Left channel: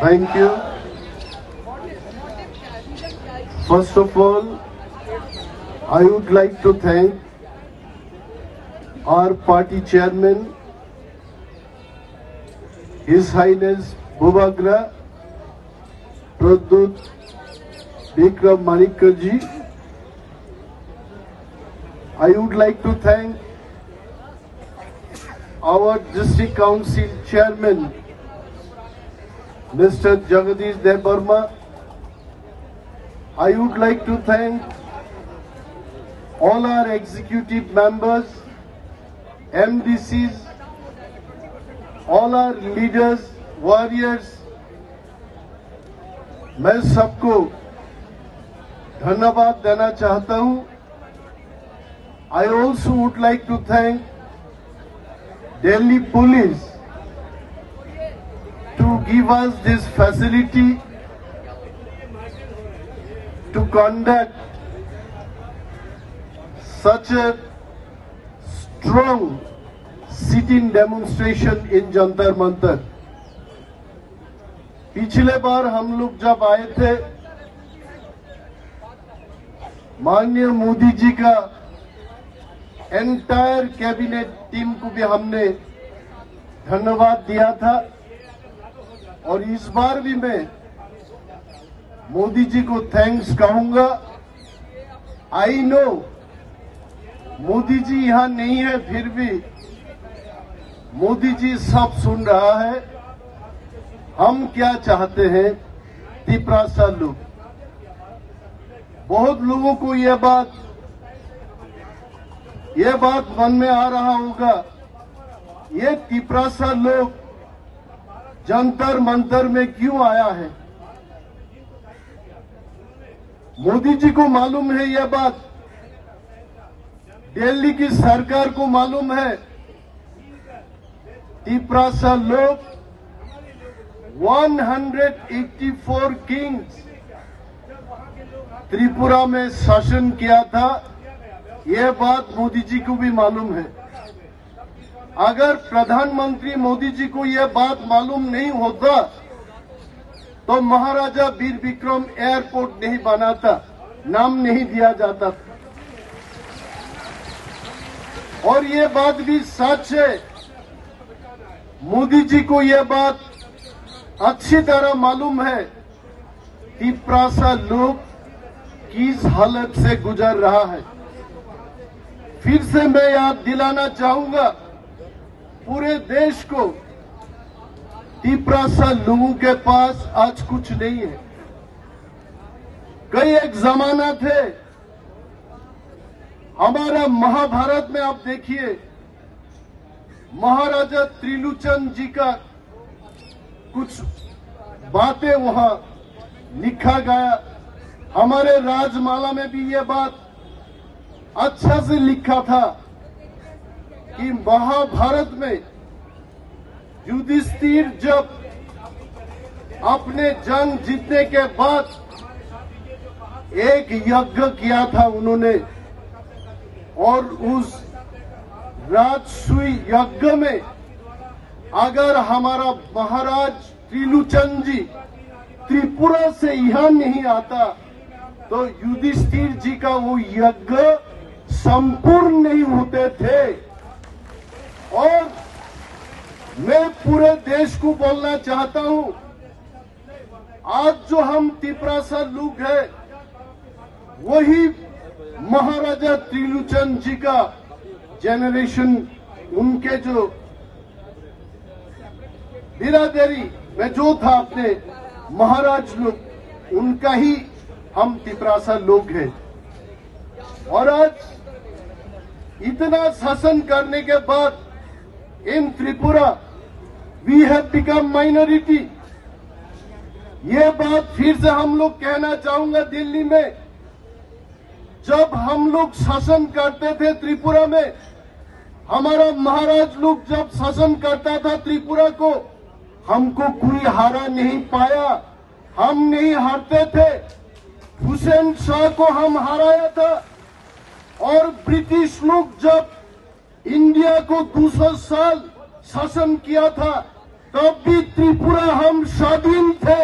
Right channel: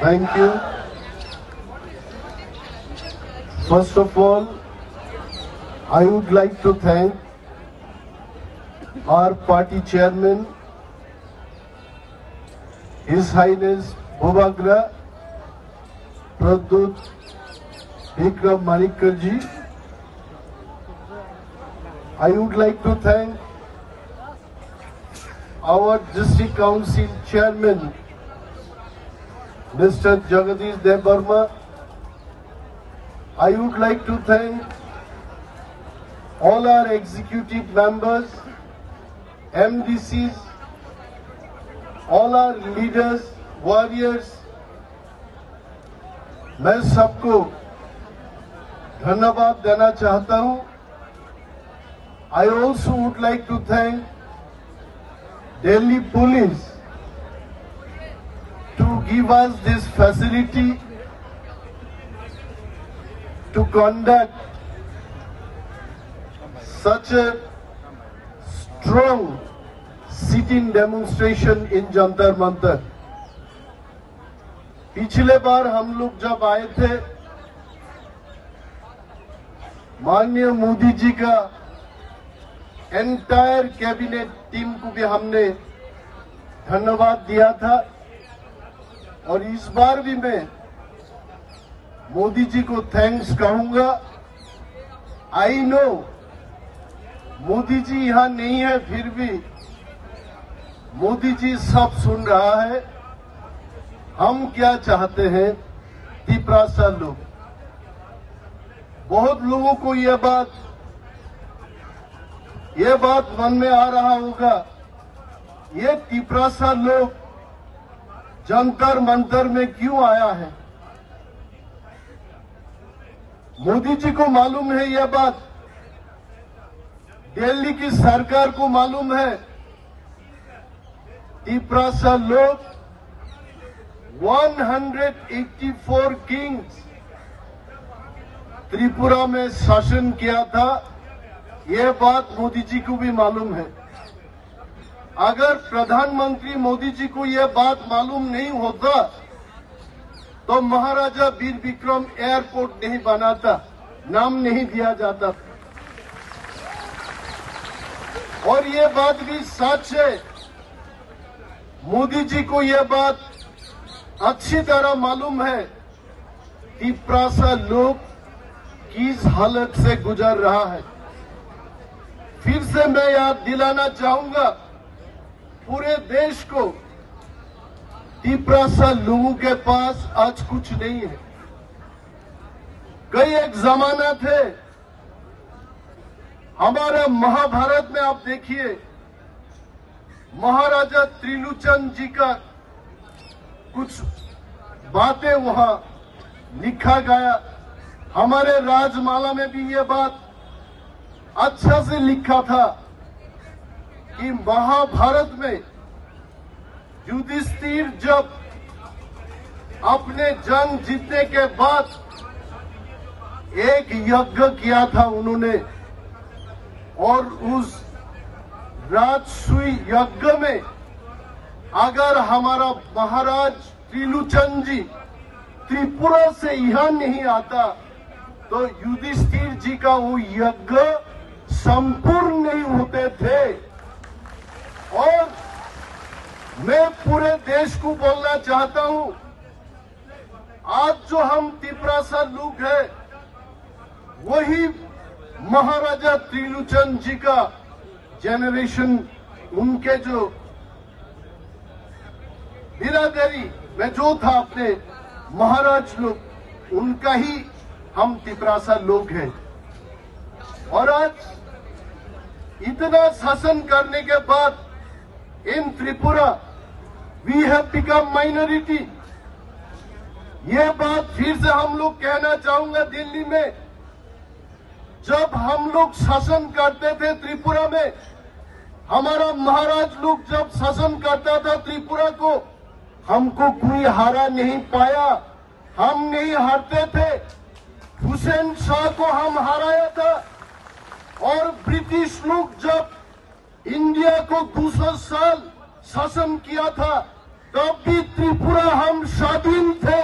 Thank you. First of all, I would like to thank our party chairman, His Highness Bhubagra Pradyut Vikram Manikarji. I would like to thank our District Council Chairman, Mr. Jagadish Devarma. I would like to thank all our executive members, MDCs, all our leaders, warriors. मैं सबको धन्यवाद देना चाहता हूं. I also would like to thank Delhi Police to give us this facility to conduct such a strong sit-in demonstration in Jantar Mantar. पिछले बार हम लोग जब आए थे, माननीय मोदी जी का एंटायर कैबिनेट टीम को भी हमने धन्यवाद दिया था और इस बार भी मैं मोदी जी को थैंक्स कहूंगा. आई नो मोदी जी यहां नहीं है, फिर भी मोदी जी सब सुन रहा है. हम क्या चाहते हैं तिपरासा लोग, बहुत लोगों को यह बात मन में आ रहा होगा, ये तिपरासा लोग जंतर मंतर में क्यों आया है. मोदी जी को मालूम है यह बात, दिल्ली की सरकार को मालूम है. तिपरासा लोग 184 किंग्स त्रिपुरा में शासन किया था, यह बात मोदी जी को भी मालूम है. अगर प्रधानमंत्री मोदी जी को यह बात मालूम नहीं होता तो महाराजा वीर विक्रम एयरपोर्ट नहीं बनाता, नाम नहीं दिया जाता. और यह बात भी सच है, मोदी जी को यह बात अच्छी तरह मालूम है तिपरासा लोग किस हालत से गुजर रहा है. फिर से मैं याद दिलाना चाहूंगा पूरे देश को, तिपरासा लोगों के पास आज कुछ नहीं है. कई एक जमाना थे, हमारा महाभारत में आप देखिए महाराजा त्रिलोचन जी का कुछ बातें वहां लिखा गया. हमारे राजमाला में भी यह बात अच्छा से लिखा था कि महाभारत में युधिष्ठिर जब अपने जंग जीतने के बाद एक यज्ञ किया था उन्होंने, और उस राजसूय यज्ञ में अगर हमारा महाराज त्रिलोचन जी त्रिपुरा से यहां नहीं आता तो युधिष्ठिर जी का वो यज्ञ संपूर्ण नहीं होते थे. और मैं पूरे देश को बोलना चाहता हूं, आज जो हम तिपरासा लोग हैं वही महाराजा त्रिलोचन जी का जेनरेशन, उनके जो बिरादरी में जो था अपने महाराज लोग, उनका ही हम तिपरासा लोग हैं. और आज इतना शासन करने के बाद in Tripura we have become minority. ये बात फिर से हम लोग कहना चाहूंगा. दिल्ली में जब हम लोग शासन करते थे त्रिपुरा में, हमारा महाराज लोग जब शासन करता था त्रिपुरा को, हमको कोई हारा नहीं पाया. हम नहीं हारते थे. हुसैन शाह को हम हराया था. और ब्रिटिश लोग जब इंडिया को 200 साल शासन किया था तब भी त्रिपुरा हम स्वाधीन थे.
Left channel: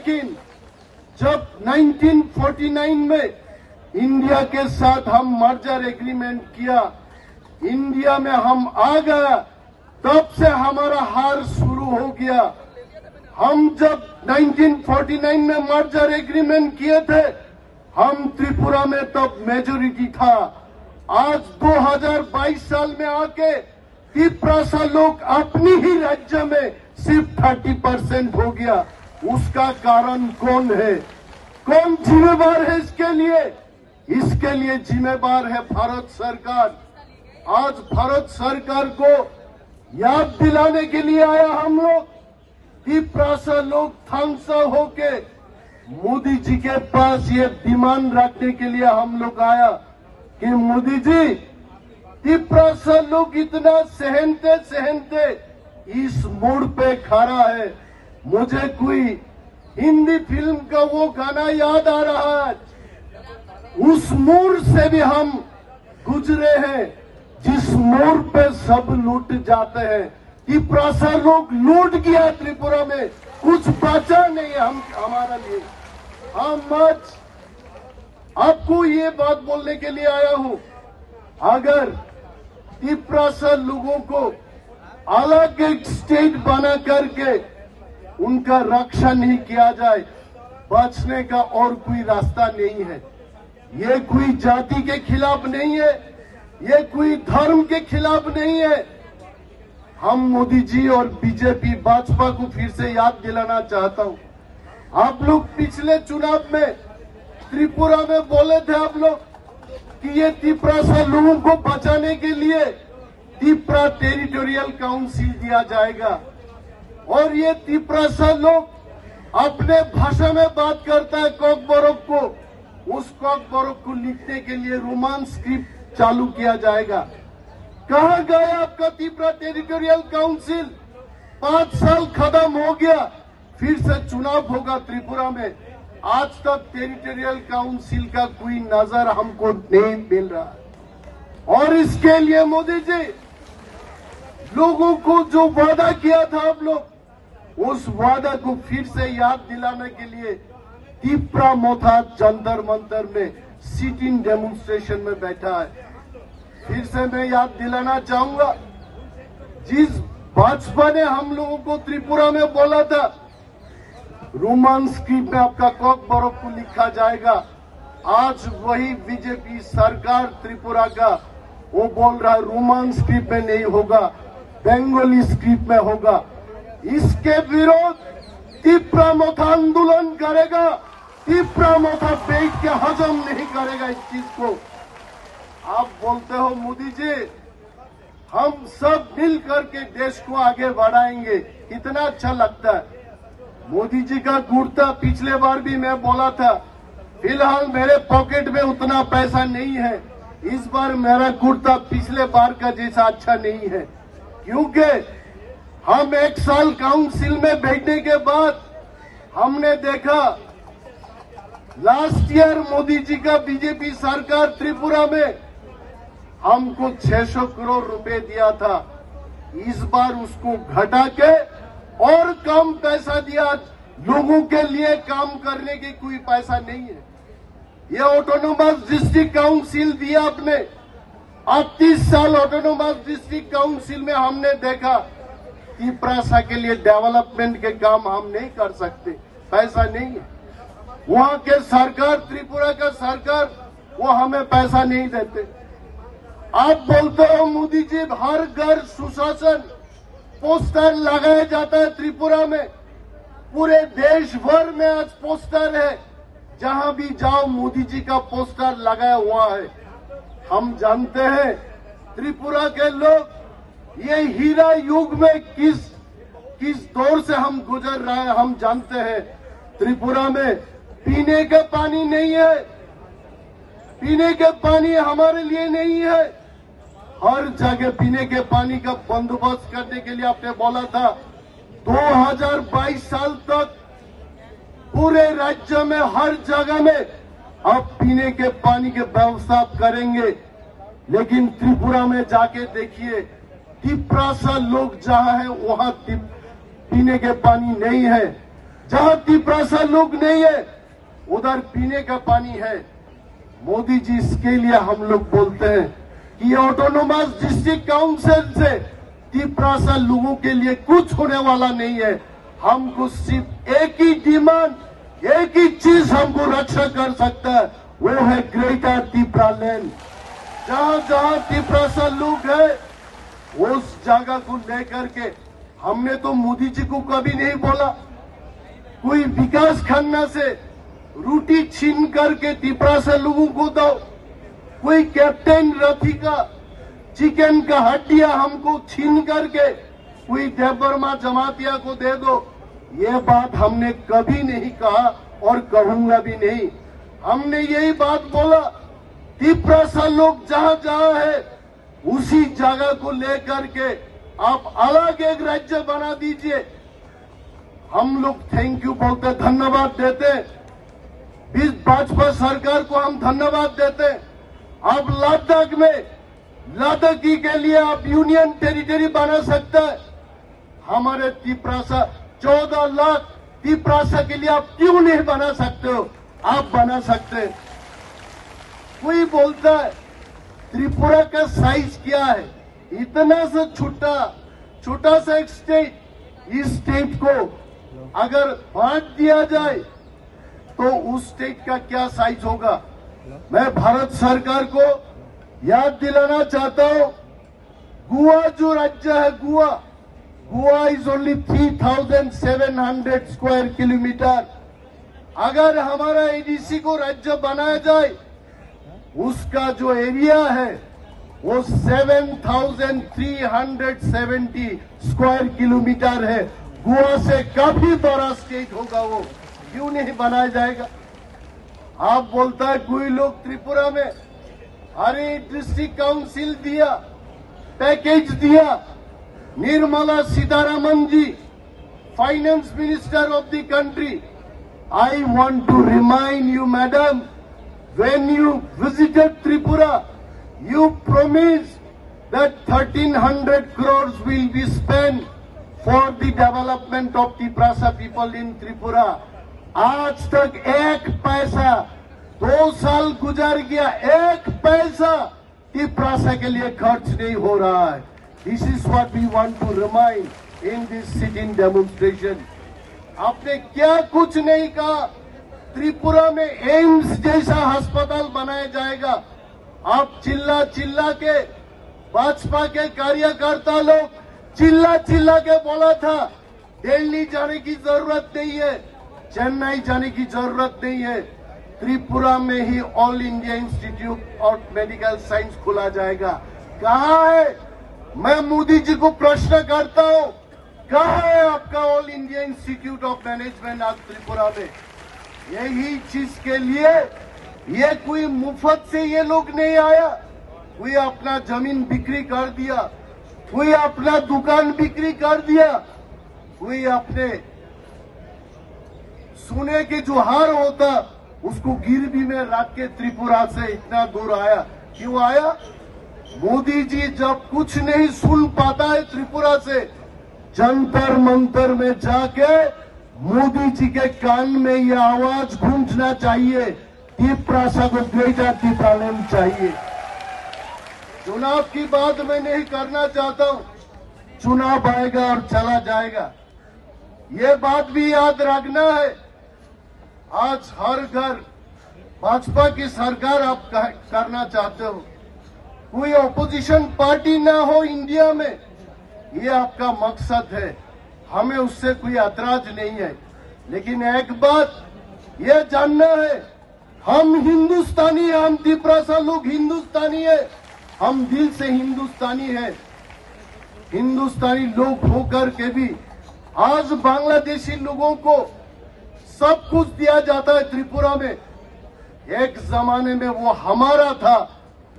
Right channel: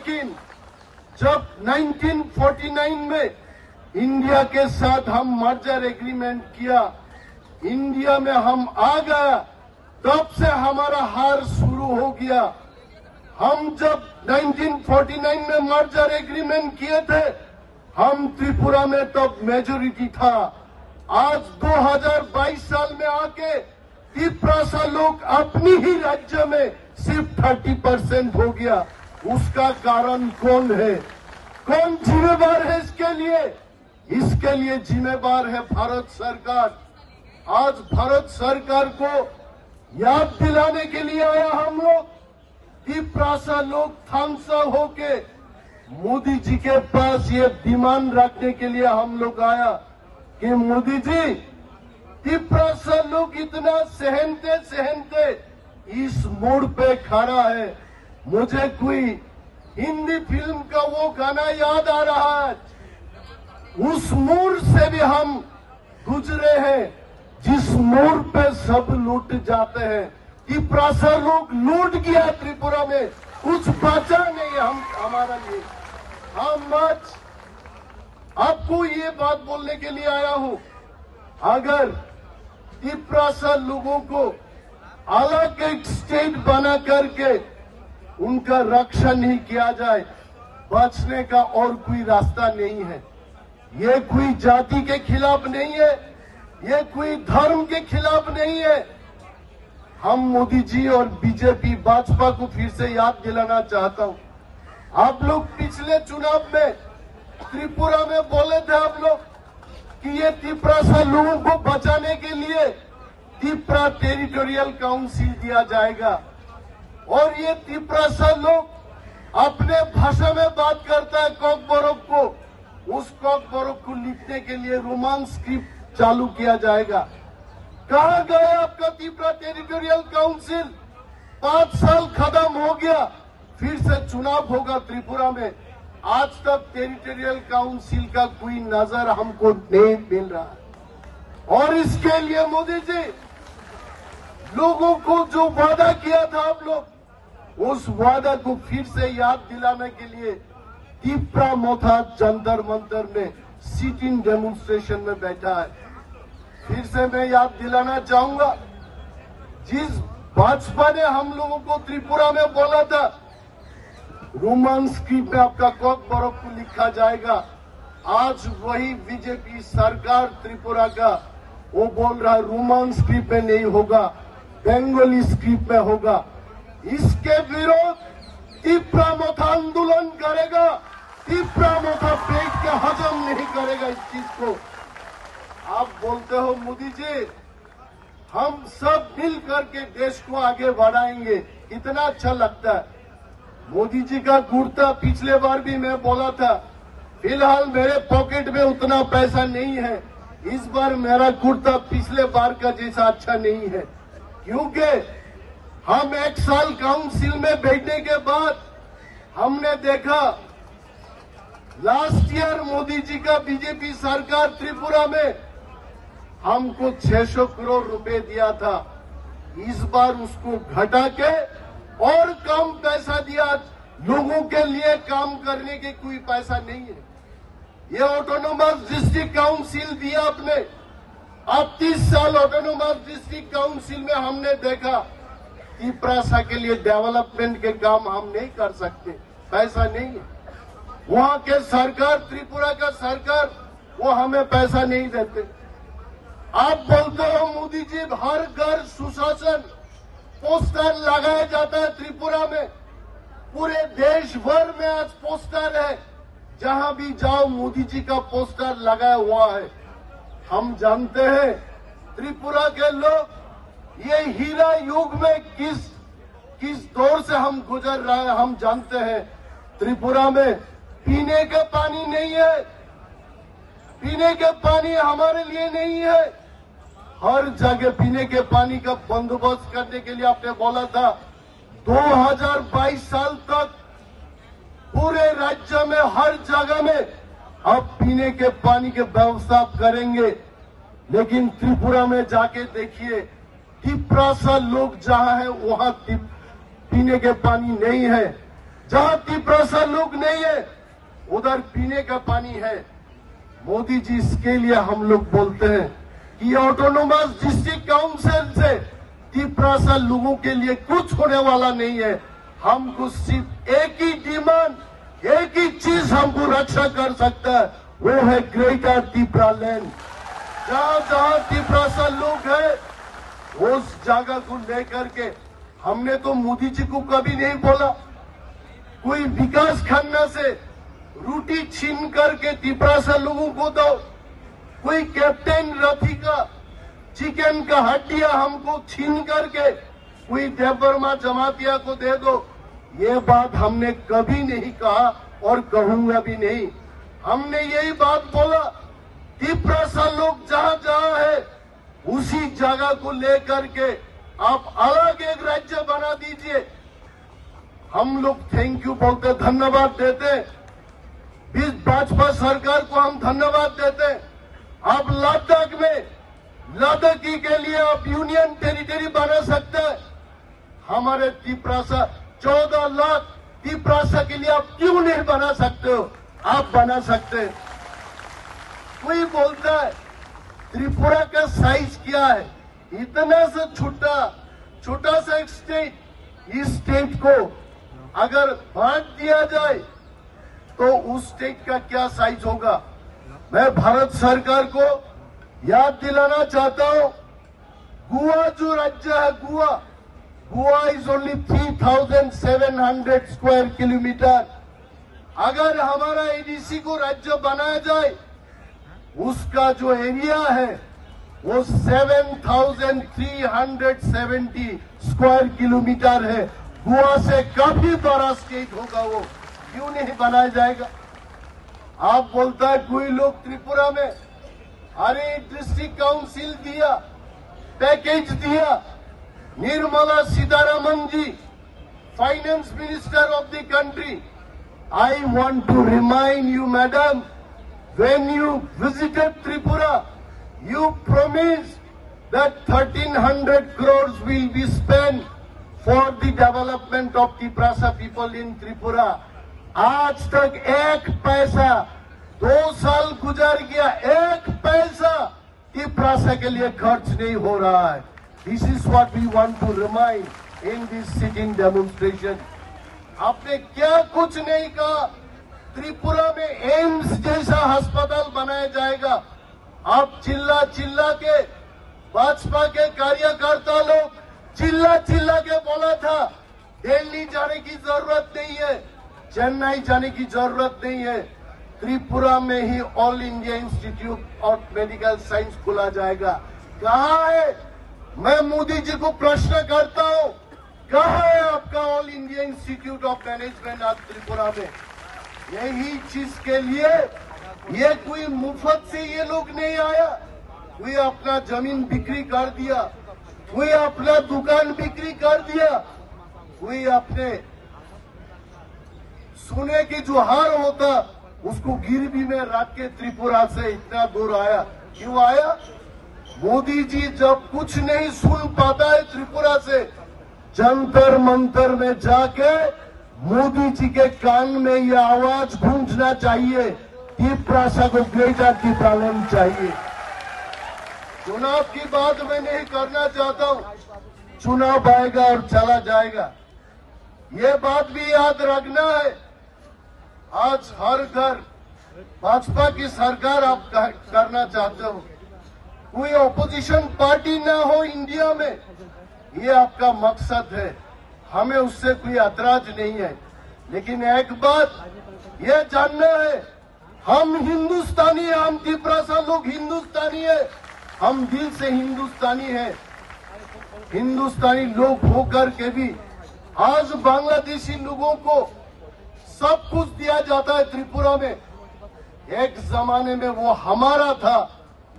लेकिन जब 1949 में इंडिया के साथ हम मर्जर एग्रीमेंट किया, इंडिया में हम आ गया, तब से हमारा हार शुरू हो गया। हम जब 1949 में मर्जर एग्रीमेंट किए थे, हम त्रिपुरा में तब मेजोरिटी था। आज 2022 साल में आके त्रिपुरा लोग अपनी ही राज्य में सिर्फ 30% हो गया। उसका कारण कौन है? कौन जिम्मेवार है इसके लिए? इसके लिए जिम्मेवार है भारत सरकार। आज भारत सरकार को याद दिलाने के लिए आया हम लोग, त्रिपुरा लोग थामसा होके मोदी जी के पास ये डिमांड रखने के लिए हम लोग आया कि मोदी जी, त्रिपुरा लोग इतना सहनते सहनते इस मोड़ पे खड़ा है। मुझे कोई हिंदी फिल्म का वो गाना याद आ रहा है, उस मोड़ से भी हम गुजरे हैं जिस मोड़ पे सब लूट जाते हैं। त्रिपुरा लोग लूट गया, त्रिपुरा में कुछ बचा नहीं हमारा लिए। हम आज आपको ये बात बोलने के लिए आया हूं, अगर त्रिपुरा लोगों को अलग एक स्टेट बना करके उनका रक्षा नहीं किया जाए, बचने का और कोई रास्ता नहीं है। ये कोई जाति के खिलाफ नहीं है, ये कोई धर्म के खिलाफ नहीं है। हम मोदी जी और बीजेपी भाजपा को फिर से याद दिलाना चाहता हूं, आप लोग पिछले चुनाव में त्रिपुरा में बोले थे आप लोग कि ये त्रिपुरा लोगों को बचाने के लिए त्रिपुरा टेरिटोरियल काउंसिल दिया जाएगा। और ये त्रिपुरा लोग अपने भाषा में बात करता है कॉकबोरोक को, उस कॉकबोरोक को लिखने के लिए रोमान स्क्रिप्ट चालू किया जाएगा। कहां गया आपका त्रिपुरा टेरिटोरियल काउंसिल? 5 साल खत्म हो गया, फिर से चुनाव होगा त्रिपुरा में। आज तक टेरिटोरियल काउंसिल का कोई नजर हमको नहीं मिल रहा। और इसके लिए मोदी जी, लोगों को जो वादा किया था आप लोग, उस वादा को फिर से याद दिलाने के लिए त्रिपुरा मोथा जंतर मंतर में सिटिंग डेमोन्स्ट्रेशन में बैठा है। फिर से मैं याद दिलाना चाहूंगा, जिस भाजपा ने हम लोगों को त्रिपुरा में बोला था रोमान स्क्रिप्ट में आपका कॉकबोरोक को लिखा जाएगा, आज वही बीजेपी सरकार त्रिपुरा का वो बोल रहा है रोमान स्क्रिप्ट में नहीं होगा, बंगाली स्क्रिप्ट में होगा। इसके विरोध त्रिपुरा मोथा आंदोलन करेगा। त्रिपुरा मोथा बैठ के हजम नहीं करेगा इस चीज को। आप बोलते हो मोदी जी, हम सब मिल करके देश को आगे बढ़ाएंगे, कितना अच्छा लगता है। मोदी जी का कुर्ता पिछले बार भी मैं बोला था, फिलहाल मेरे पॉकेट में उतना पैसा नहीं है, इस बार मेरा कुर्ता पिछले बार का जैसा अच्छा नहीं है, क्योंकि हम 1 साल काउंसिल में बैठने के बाद हमने देखा लास्ट ईयर मोदी जी का बीजेपी सरकार त्रिपुरा में हमको 600 करोड़ रुपए दिया था। इस बार उसको घटा के और कम पैसा दिया। लोगों के लिए काम करने की कोई पैसा नहीं है। ये ऑटोनोमस डिस्ट्रिक्ट काउंसिल दिया आपने, 38 साल ऑटोनोमस डिस्ट्रिक्ट काउंसिल में हमने देखा त्रिपुरा के लिए डेवलपमेंट के काम हम नहीं कर सकते, पैसा नहीं है। वहां के सरकार, त्रिपुरा का सरकार, वो हमें पैसा नहीं देते। आप बोलते हो मोदी जी हर घर सुशासन पोस्टर लगाया जाता है त्रिपुरा में, पूरे देश भर में आज पोस्टर है, जहां भी जाओ मोदी जी का पोस्टर लगाया हुआ है। हम जानते हैं त्रिपुरा के लोग ये हीरा युग में किस दौर से हम गुजर रहे हैं, हम जानते हैं। त्रिपुरा में पीने का पानी नहीं है, पीने के पानी हमारे लिए नहीं है। हर जगह पीने के पानी का बंदोबस्त करने के लिए आपने बोला था 2022 साल तक पूरे राज्य में हर जगह में अब पीने के पानी के व्यवस्था करेंगे। लेकिन त्रिपुरा में जाके देखिए, त्रिपुरा लोग जहां है वहां पीने के पानी नहीं है। जहां तिप्रासा लोग नहीं है उधर पीने का पानी है। मोदी जी, इसके लिए हम लोग बोलते हैं कि ऑटोनोमस डिस्ट्रिक्ट काउंसिल से तिप्रासा लोगों के लिए कुछ होने वाला नहीं है। हमको सिर्फ एक ही डिमांड, एक ही चीज हमको रक्षा कर सकता है, वो है ग्रेटर तिप्रा लैंड। जहां जहां तिप्रासा लोग है उस जगह को लेकर के हमने तो मोदी जी को कभी नहीं बोला कोई विकास खन्ना से रोटी छीन करके तिप्रासा लोगों को दो, कोई कैप्टन रथी का चिकन का हड्डियां हमको छीन करके कोई देवबर्मा जमातिया को दे दो। ये बात हमने कभी नहीं कहा और कहूंगा भी नहीं। हमने यही बात बोला, तिप्रासा लोग जहां जहां है उसी जगह को लेकर के आप अलग एक राज्य बना दीजिए। हम लोग थैंक यू बोलते, धन्यवाद देते, इस भाजपा सरकार को हम धन्यवाद देते। आप लद्दाख में लद्दाखी के लिए आप यूनियन टेरिटरी बना सकते हैं। हमारे तिप्रासा 14 लाख तिप्रासा के लिए आप क्यों नहीं बना सकते हो? आप बना सकते हैं। कोई बोलता है त्रिपुरा का साइज क्या है, इतना सा छोटा सा एक स्टेट, इस स्टेट को अगर बांट दिया जाए तो उस स्टेट का क्या साइज होगा। मैं भारत सरकार को याद दिलाना चाहता हूं, गोवा जो राज्य है, Goa is only 3,700 square kilometre. अगर हमारा एडीसी को राज्य बनाया जाए उसका जो एरिया है वो 7,370 स्क्वायर किलोमीटर है। गोवा से काफी बड़ा स्टेट होगा, वो क्यों नहीं बनाया जाएगा। आप बोलता है कोई लोग त्रिपुरा में अरे डिस्ट्रिक्ट काउंसिल दिया, पैकेज दिया। Nirmala Sitharaman ji, finance minister of the country, I want to remind you madam, when you visited Tripura, you promised that 1,300 crores will be spent for the development of Tiprasa people in Tripura. आज तक एक पैसा, 2 साल गुजर गया, एक पैसा तिप्रासा के लिए खर्च नहीं हो रहा है। This is what we want to remind in this sitting demonstration. आपने क्या कुछ नहीं कहा। त्रिपुरा में एम्स जैसा अस्पताल बनाया जाएगा। आप चिल्ला के भाजपा के कार्यकर्ता लोग चिल्ला के बोला था दिल्ली जाने की जरूरत नहीं है, चेन्नई जाने की जरूरत नहीं है, त्रिपुरा में ही All India Institute of Medical Science खुला जाएगा। कहाँ है? मैं मोदी जी को प्रश्न करता हूँ, कहाँ है आपका all India Institute of management आज त्रिपुरा में? यही चीज के लिए ये कोई मुफ्त से ये लोग नहीं आया। कोई अपना जमीन बिक्री कर दिया, कोई अपना दुकान बिक्री कर दिया, कोई अपने सोने के जो हार होता उसको गिरवी में रख के त्रिपुरा से इतना दूर आया। क्यों आया? मोदी जी जब कुछ नहीं सुन पाता है त्रिपुरा से, जंतर मंतर में जाके मोदी जी के कान में यह आवाज गूंजना चाहिए, तिप्रासा को ग्रेटर तिप्रा लैंड चाहिए। चुनाव की बात मैं नहीं करना चाहता हूं, चुनाव आएगा और चला जाएगा, ये बात भी याद रखना है। आज हर घर भाजपा की सरकार आप करना चाहते हो, कोई ऑपोजिशन पार्टी ना हो इंडिया में, ये आपका मकसद है। हमें उससे कोई ऐतराज नहीं है, लेकिन एक बात यह जानना है, हम हिंदुस्तानी हैं, हम तिप्रासा लोग हिंदुस्तानी है, हम दिल से हिंदुस्तानी है। हिंदुस्तानी लोग होकर के भी आज बांग्लादेशी लोगों को सब कुछ दिया जाता है त्रिपुरा में। एक जमाने में वो हमारा था,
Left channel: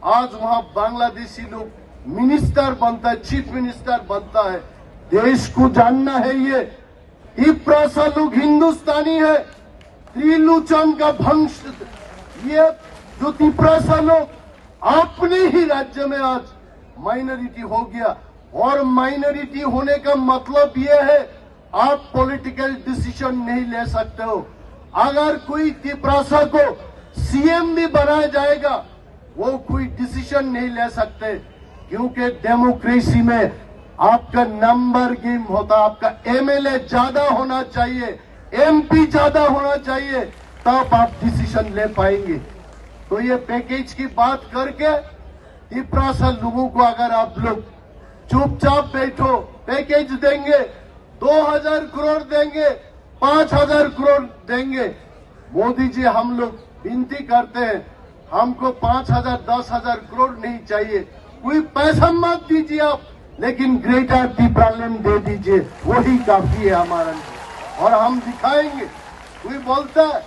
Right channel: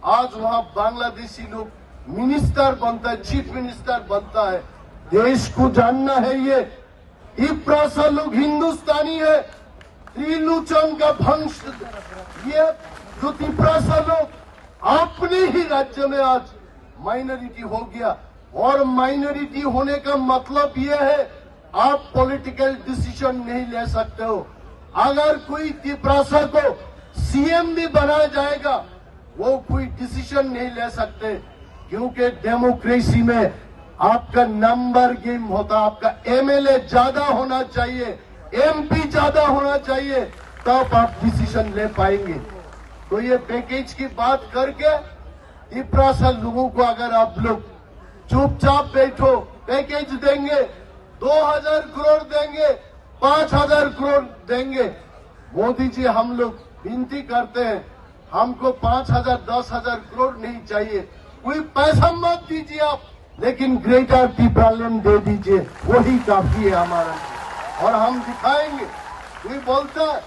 आज वहां बांग्लादेशी लोग मिनिस्टर बनता है, चीफ मिनिस्टर बनता है। देश को जानना है ये तिप्रासा लोग हिंदुस्तानी है। त्रिलोचन का वंश, ये जो तिप्रासा लोग अपने ही राज्य में आज माइनॉरिटी हो गया, और माइनॉरिटी होने का मतलब ये है आप पॉलिटिकल डिसीजन नहीं ले सकते हो। अगर कोई त्रिपुरा को सीएम भी बनाया जाएगा, वो कोई डिसीजन नहीं ले सकते, क्योंकि डेमोक्रेसी में आपका नंबर गेम होता। आपका एमएलए ज्यादा होना चाहिए, एमपी ज्यादा होना चाहिए, तब आप डिसीजन ले पाएंगे। तो ये पैकेज की बात करके त्रिपुरा से लोगों को अगर आप लोग चुपचाप बैठो, पैकेज देंगे, 2000 करोड़ देंगे, 5000 करोड़ देंगे। मोदी जी, हम लोग विनती करते हैं, हमको 5000 10,000 करोड़ नहीं चाहिए, कोई पैसा मत दीजिए आप, लेकिन ग्रेटर त्रिपुरालैंड दे दीजिए, वही काफी है हमारा। और हम दिखाएंगे। कोई बोलता है,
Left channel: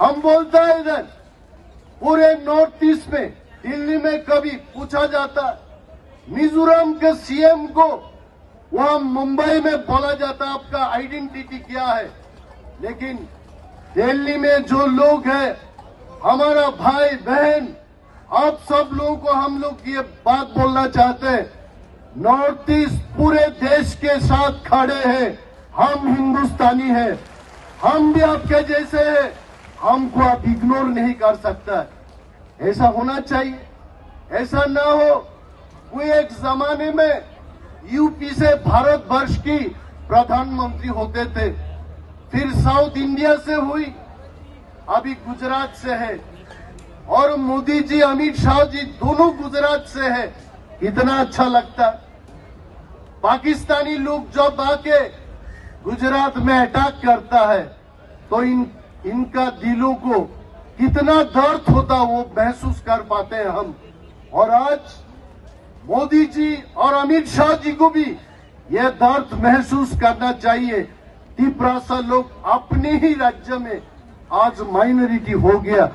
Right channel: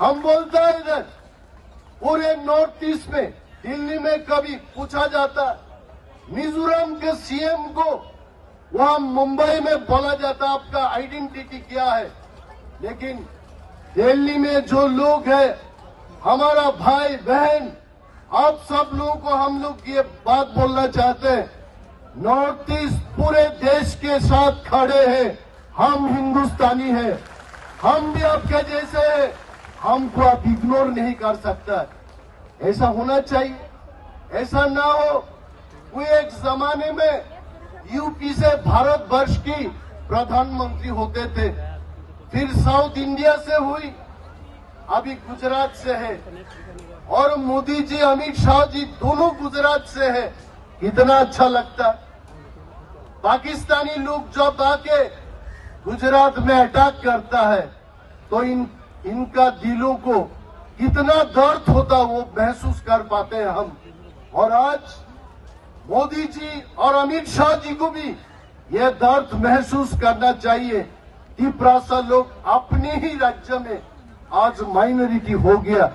हम बोलता है इधर पूरे नॉर्थ ईस्ट में, दिल्ली में कभी पूछा जाता, मिजोरम के सीएम को वहां मुंबई में बोला जाता आपका आइडेंटिटी क्या है, लेकिन दिल्ली में जो लोग हैं, हमारा भाई बहन, आप सब लोगों को हम लोग ये बात बोलना चाहते हैं, नॉर्थ ईस्ट पूरे देश के साथ खड़े हैं। हम हिंदुस्तानी हैं, हम भी आपके जैसे हैं, हमको आप इग्नोर नहीं कर सकता। ऐसा होना चाहिए, ऐसा ना हो। कोई एक जमाने में यूपी से भारत वर्ष की प्रधानमंत्री होते थे, फिर साउथ इंडिया से हुई, अभी गुजरात से है, और मोदी जी, अमित शाह जी दोनों गुजरात से है। कितना अच्छा लगता। पाकिस्तानी लोग जब आके गुजरात में अटैक करता है तो इनका दिलों को कितना दर्द होता वो महसूस कर पाते हैं हम। और आज मोदी जी और अमित शाह जी को भी यह दर्द महसूस करना चाहिए। त्रिपुरा लोग अपने ही राज्य में आज माइनॉरिटी हो गया,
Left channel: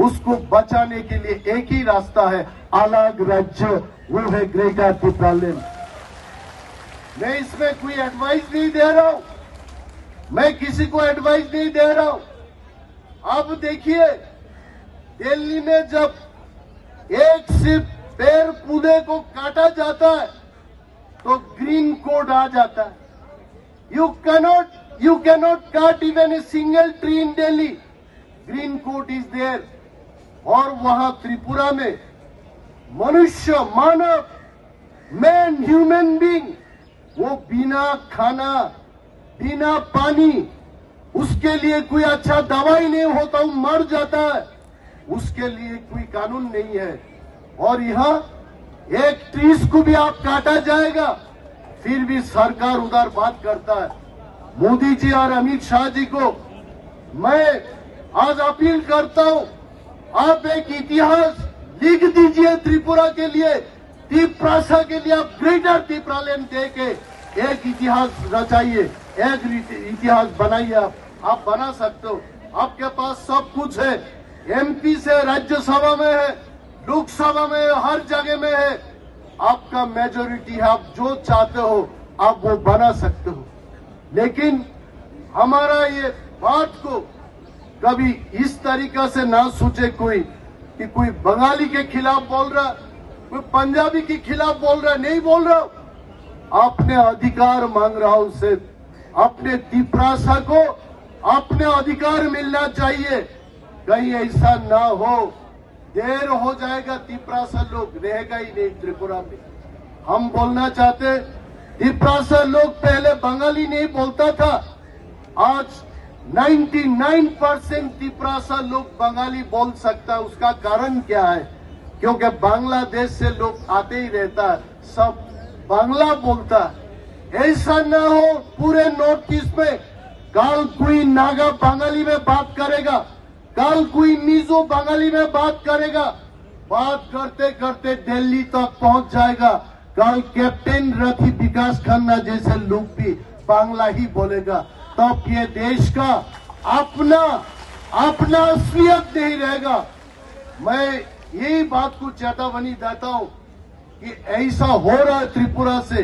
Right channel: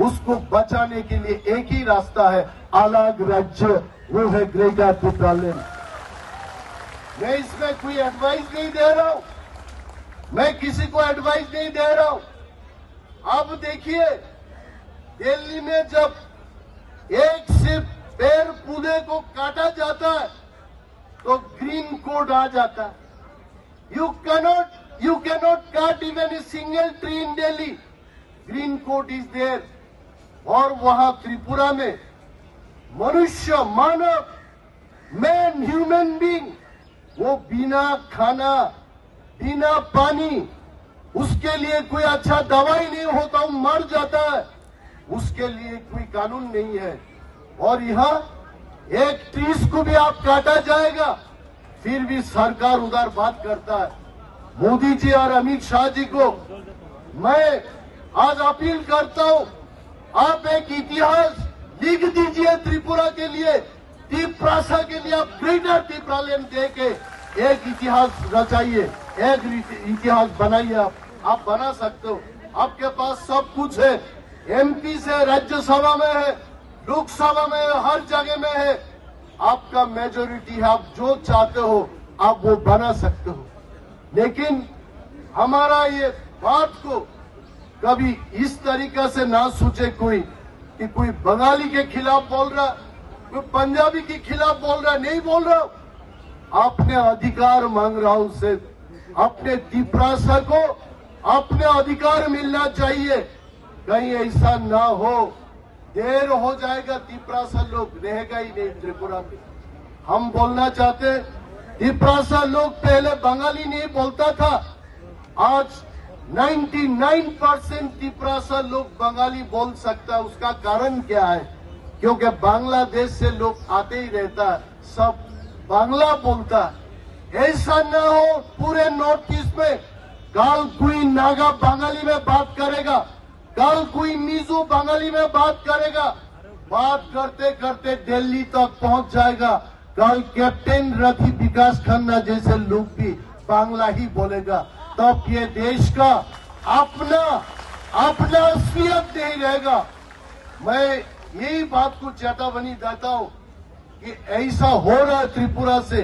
उसको बचाने के लिए एक ही रास्ता है, अलग राज्य, वो है ग्रेटर त्रिपुरालैंड। मैं इसमें कोई एडवाइस नहीं दे रहा हूं, मैं किसी को एडवाइस नहीं दे रहा हूं। अब देखिए, दिल्ली में जब एक सिर्फ पेड़ पौधे को काटा जाता है तो ग्रीन कोड आ जाता है। You cannot cut even a single tree in Delhi, green code is there. और वहां त्रिपुरा में मनुष्य, मानव, मैन, ह्यूमन बीइंग, वो बिना खाना, बिना पानी, उसके लिए कोई अच्छा दवाई नहीं होता, वो मर जाता है, उसके लिए कोई कानून नहीं है। और यहाँ एक ट्रीज को भी आप काटा जाएगा, फिर भी सरकार उधर बात करता है। मोदी जी और अमित शाह जी को मैं आज अपील करता हूं, आप एक इतिहास लिख दीजिए त्रिपुरा के लिए, त्रिपुरा के लिए आप ग्रेटर त्रिपुरालैंड दे के एक इतिहास रचाइए, एक इतिहास बनाइए। आप बना सकते हो, आपके पास सब कुछ है, एमपी से राज्यसभा में है, लोकसभा में है, हर जगह में है, आपका मेजोरिटी है, आप जो चाहते हो आप वो बना सकते हो। लेकिन हमारा ये बात को कभी इस तरीका से ना सोचे कोई कि कोई बंगाली के खिलाफ बोल रहा, कोई पंजाबी के खिलाफ बोल रहा, नहीं बोल रहा। अपने अधिकार मांग रहा हूं, उससे अपने त्रिपुरा को अपने अधिकार मिलना चाहिए। कहीं ऐसा ना हो, देर हो जाएगा, त्रिपुरा लोग रहेगा ही नहीं त्रिपुरा में। हम बोलना चाहते, त्रिपुरा लोग पहले बंगाली नहीं बोलता था, आज 99% त्रिपुरा लोग बंगाली बोल सकता है। उसका कारण क्या है? क्योंकि बांग्लादेश से लोग आते ही रहता है, सब बांग्ला बोलता। ऐसा ना हो पूरे नॉर्थ ईस्ट में कल कोई नागा बंगाली में बात करेगा, कल कोई मिजो बंगाली में बात करेगा, बात करते करते दिल्ली तक पहुंच जाएगा। कल कैप्टन रथी विकास खन्ना जैसे लोग भी बांग्ला ही बोलेगा, तब ये देश का अपना असलियत नहीं रहेगा। मैं यही बात को चेतावनी देता हूं कि ऐसा हो रहा है त्रिपुरा से,